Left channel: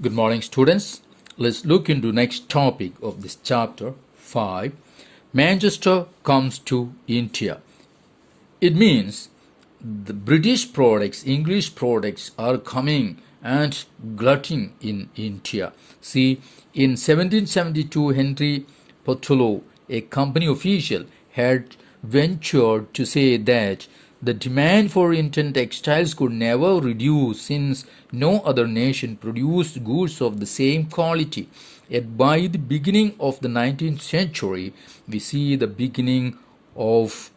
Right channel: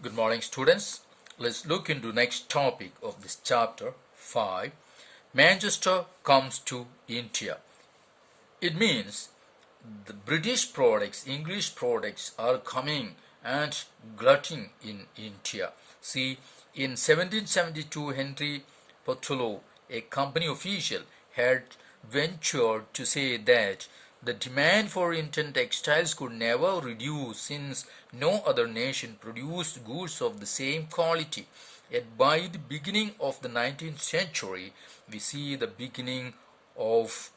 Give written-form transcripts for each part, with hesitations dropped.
Good morning, students. Let's look into next topic of this chapter 5. Manchester comes to India. It means the British products, English products are coming and glutting in India. See, in 1772, Henry Portolo, a company official, had ventured to say that the demand for Indian textiles could never reduce since no other nation produced goods of the same quality. Yet by the beginning of the 19th century, we see the beginning of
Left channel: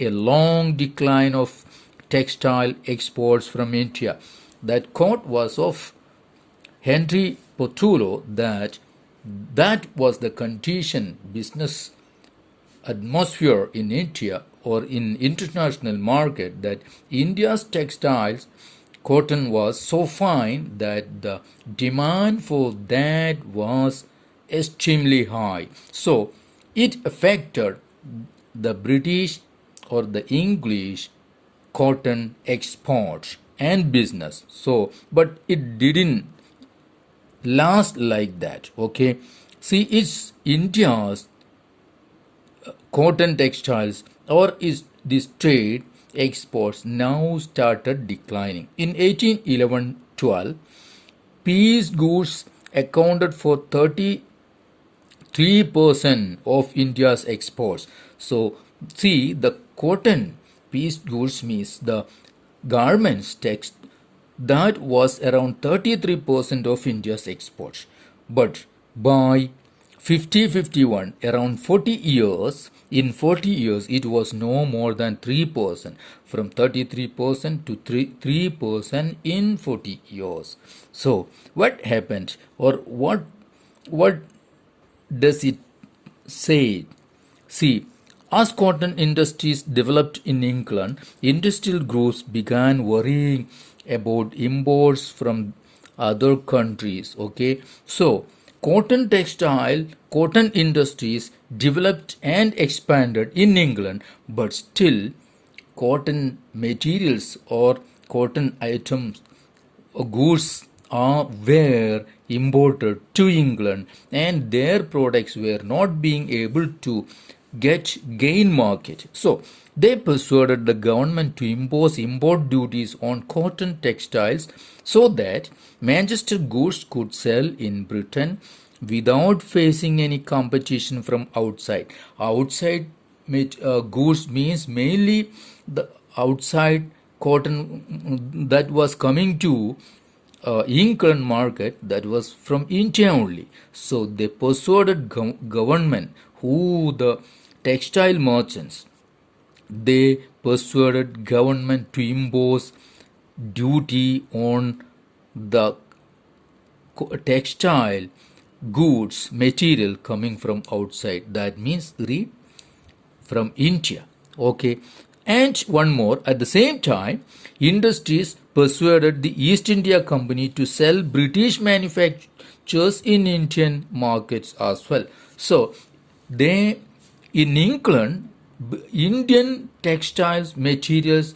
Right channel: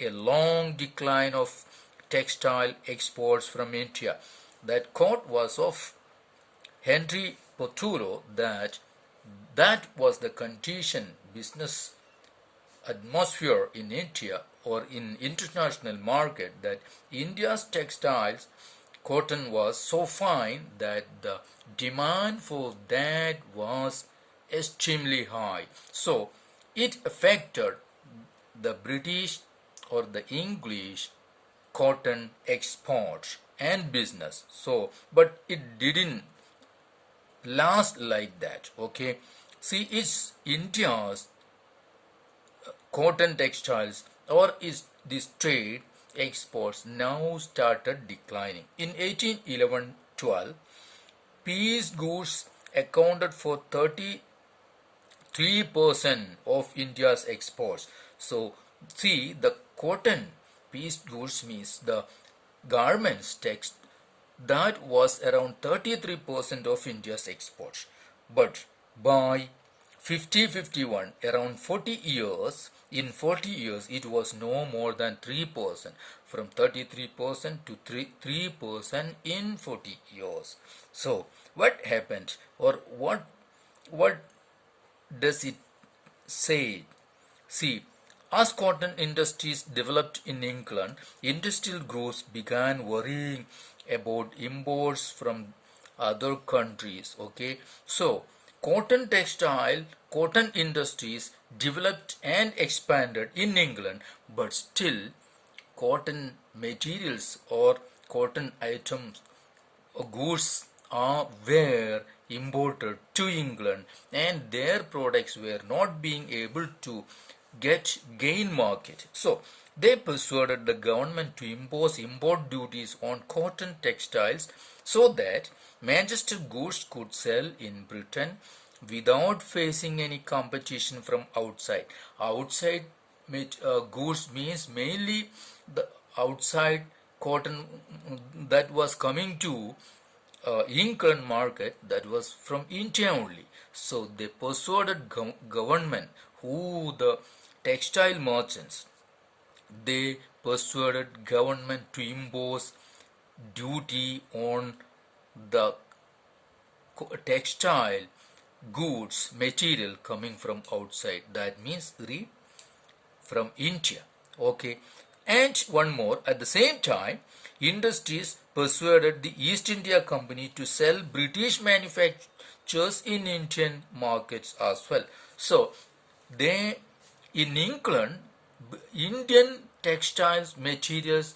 a long decline of textile exports from India. That quote was of Henry Portulo that was the condition business atmosphere in India or in international market that India's textiles cotton was so fine that the demand for that was extremely high. So it affected the British or the English cotton exports and business. So, but it didn't last like that. Okay, see, it's India's cotton textiles or is this trade exports now started declining. In 1811-12, piece goods accounted for 33% of India's exports. So, see, the cotton piece goods means the garments text that was around 33% of India's exports. But by 50-51, around 40 years, in 40 years, it was no more than 3%, from 33% to 3% in 40 years. So, what happened, or what does it say? See, as cotton industries developed in England, industrial groups began worrying about imports from other countries. Okay, so cotton industries developed and expanded in England, but still cotton materials or cotton items or goods were imported to England, and their products were not being able to gain market. So they persuaded the government to impose import duties on cotton textiles so that Manchester goods could sell in Britain without facing any competition from outside. Outside goods means mainly the outside cotton that was coming to England market, that was from India only. So they persuaded government, who the textile merchants, they persuaded government to impose duty on the textile goods material coming from outside. That means from India. Okay, and one more, at the same time, industries persuaded the East India Company to sell British manufactures in Indian markets as well. So they, in England, Indian textiles materials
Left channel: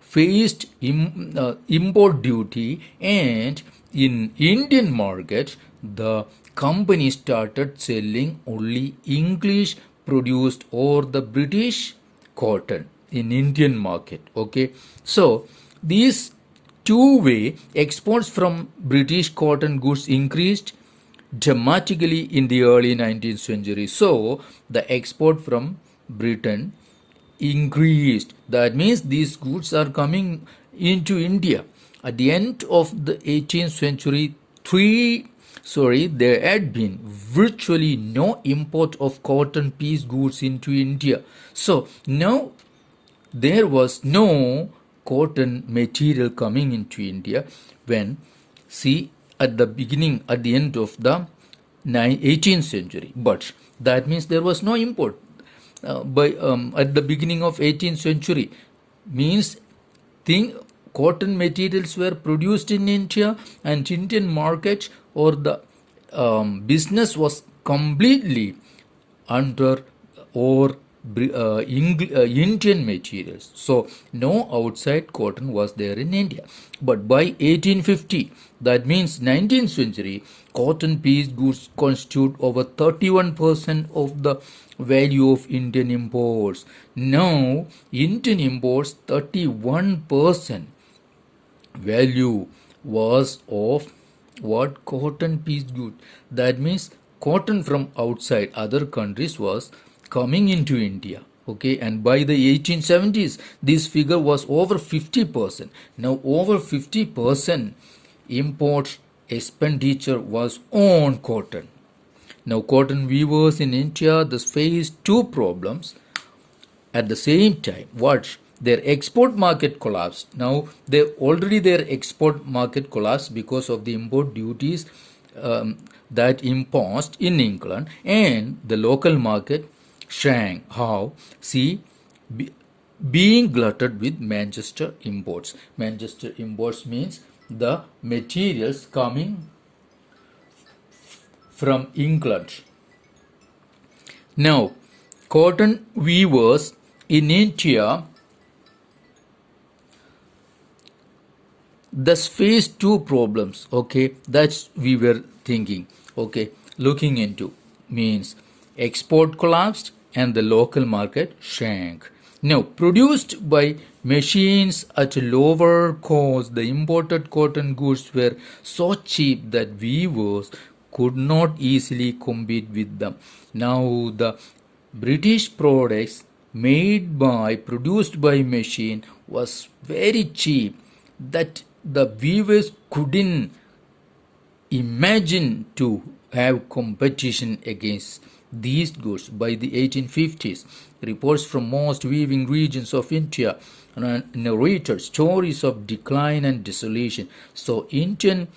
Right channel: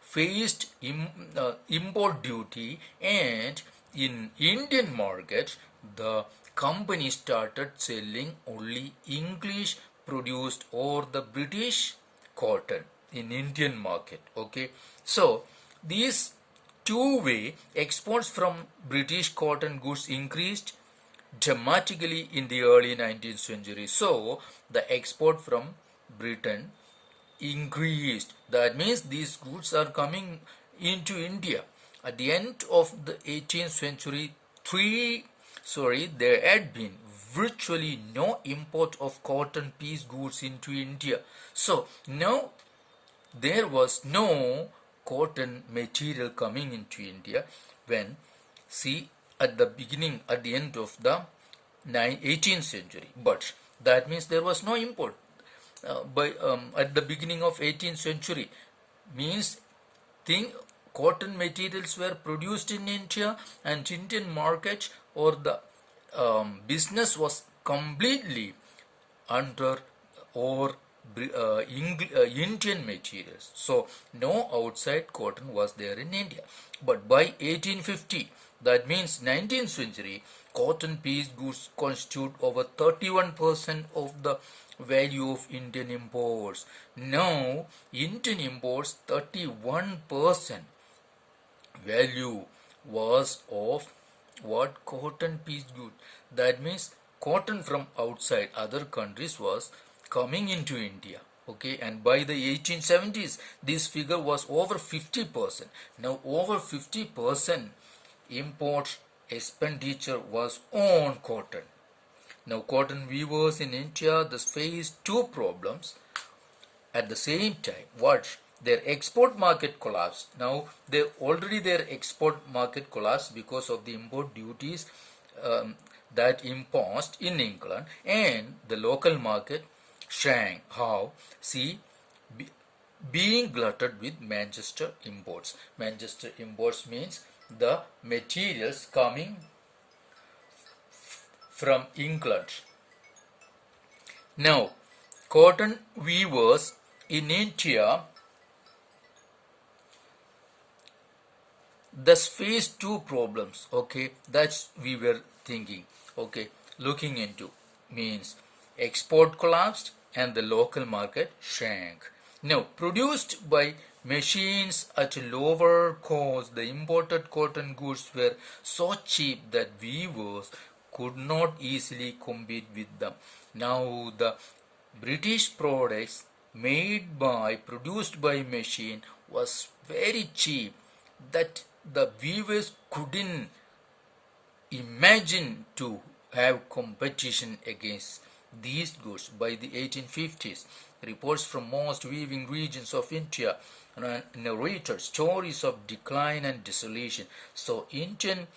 faced import duty, and in Indian market the company started selling only English produced or the British cotton in Indian market. Okay, so these two-way exports from British cotton goods increased dramatically in the early 19th century. So the export from Britain increased. That means these goods are coming into India. At the end of the 18th century, there had been virtually no import of cotton piece goods into India. So now there was no cotton material coming into India when, see, at the end of the 18th century. But that means there was no import at the beginning of 18th century, means cotton materials were produced in India, and Indian market or the business was completely under or Indian materials. So no outside cotton was there in India. But by 1850, that means 19th century, cotton piece goods constitute over 31% of the value of Indian imports. Now Indian imports 31% value was of what? Cotton piece good. That means cotton from outside other countries was coming into India. Okay, and by the 1870s, this figure was over 50%. Now, over 50% import expenditure was on cotton. Now, cotton weavers in India thus faced two problems at the same time. What? Their export market collapsed. Now they already their export market collapsed because of the import duties that imposed in England, and the local market shrank. How? See, being glutted with Manchester imports. Manchester imports means the materials coming from England. Now, cotton weavers in India thus faced two problems. Okay, that's we were thinking. Okay, looking into means export collapsed and the local market shrank. Now, produced by machines at a lower cost, the imported cotton goods were so cheap that weavers could not easily compete with them. Now, the British products produced by machine was very cheap that the weavers couldn't imagine to have competition against these goods. By the 1850s, reports from most weaving regions of India narrated stories of decline and desolation. So Indian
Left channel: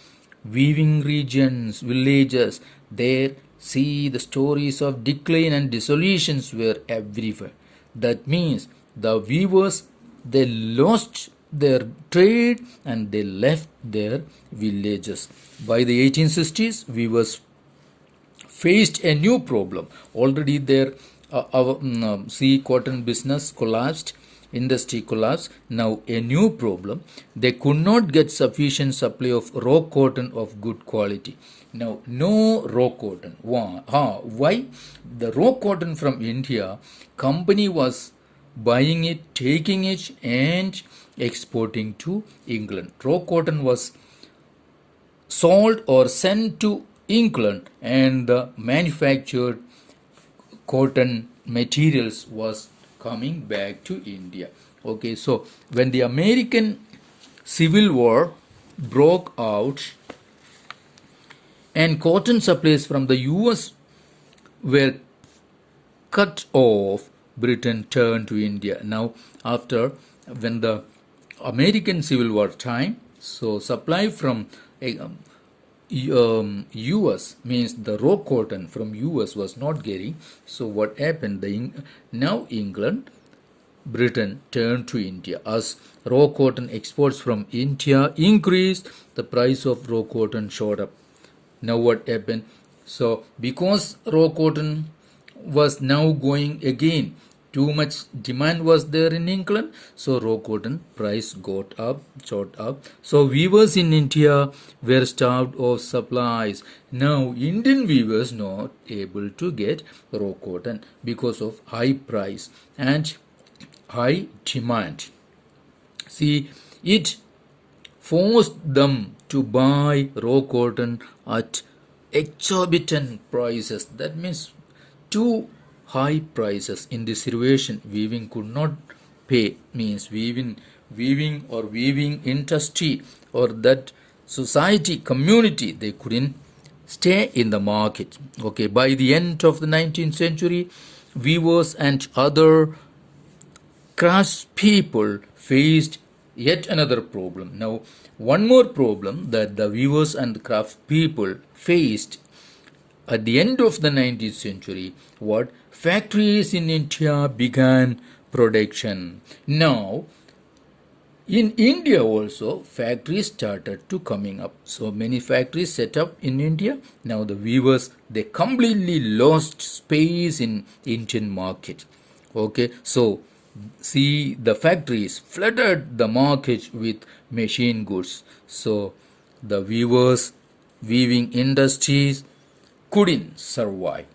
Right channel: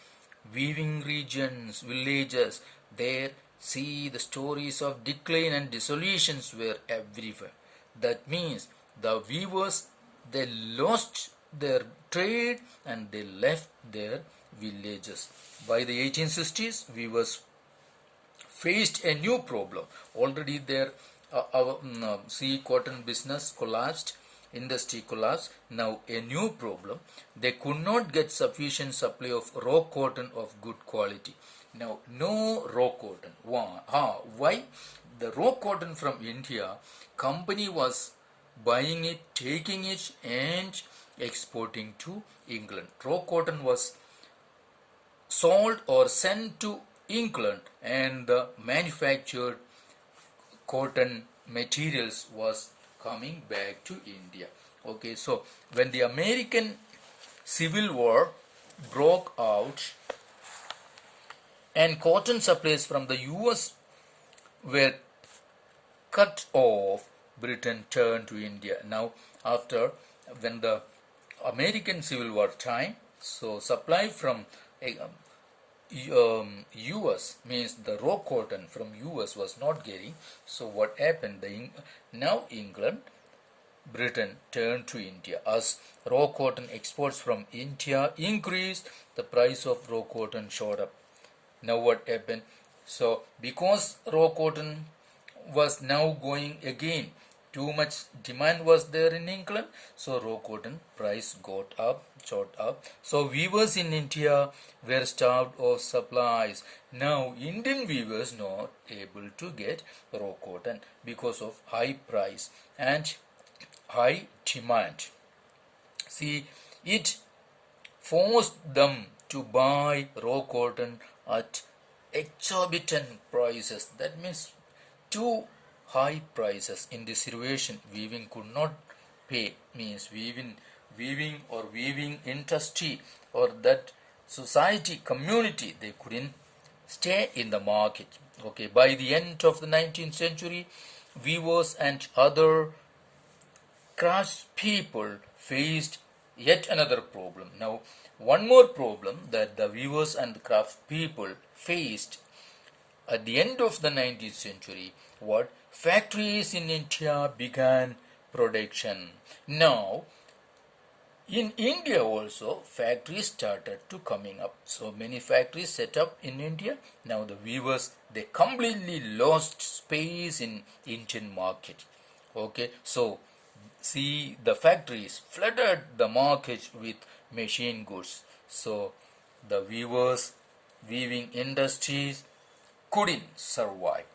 weaving regions, villages, there see the stories of decline and desolations were everywhere. That means the weavers, they lost their trade and they left their villages. By the 1860s, weavers faced a new problem. Already their cotton business collapsed, industry collapsed. Now a new problem. They could not get sufficient supply of raw cotton of good quality. Now no raw cotton. Why? The raw cotton from India, company was buying it, taking it and exporting to England. Raw cotton was sold or sent to England and the manufactured cotton materials was coming back to India. Okay, so when the American Civil War broke out and cotton supplies from the US were cut off, Britain turned to India. Now, after when the American Civil War time, so supply from US means the raw cotton from US was not getting. So what happened? Now England, Britain turned to India. As raw cotton exports from India increased, the price of raw cotton shot up. Now what happened? So because raw cotton was now going again, too much demand was there in England, so raw cotton price shot up. So weavers in India were starved of supplies. Now Indian weavers not able to get raw cotton because of high price and high demand. See, it forced them to buy raw cotton at exorbitant prices. That means too high prices. In this situation, weaving could not pay. Means weaving industry or that society community, they couldn't stay in the market. Okay, by the end of the 19th century, weavers and other craftspeople faced yet another problem. Now, one more problem that the weavers and craftspeople faced at the end of the 19th century, what? Factories in India began production. Now, in India also, factories started to coming up. So many factories set up in India. Now the weavers, they completely lost space in Indian market. Okay, so see, the factories flooded the market with machine goods. So the weaving industries couldn't survive.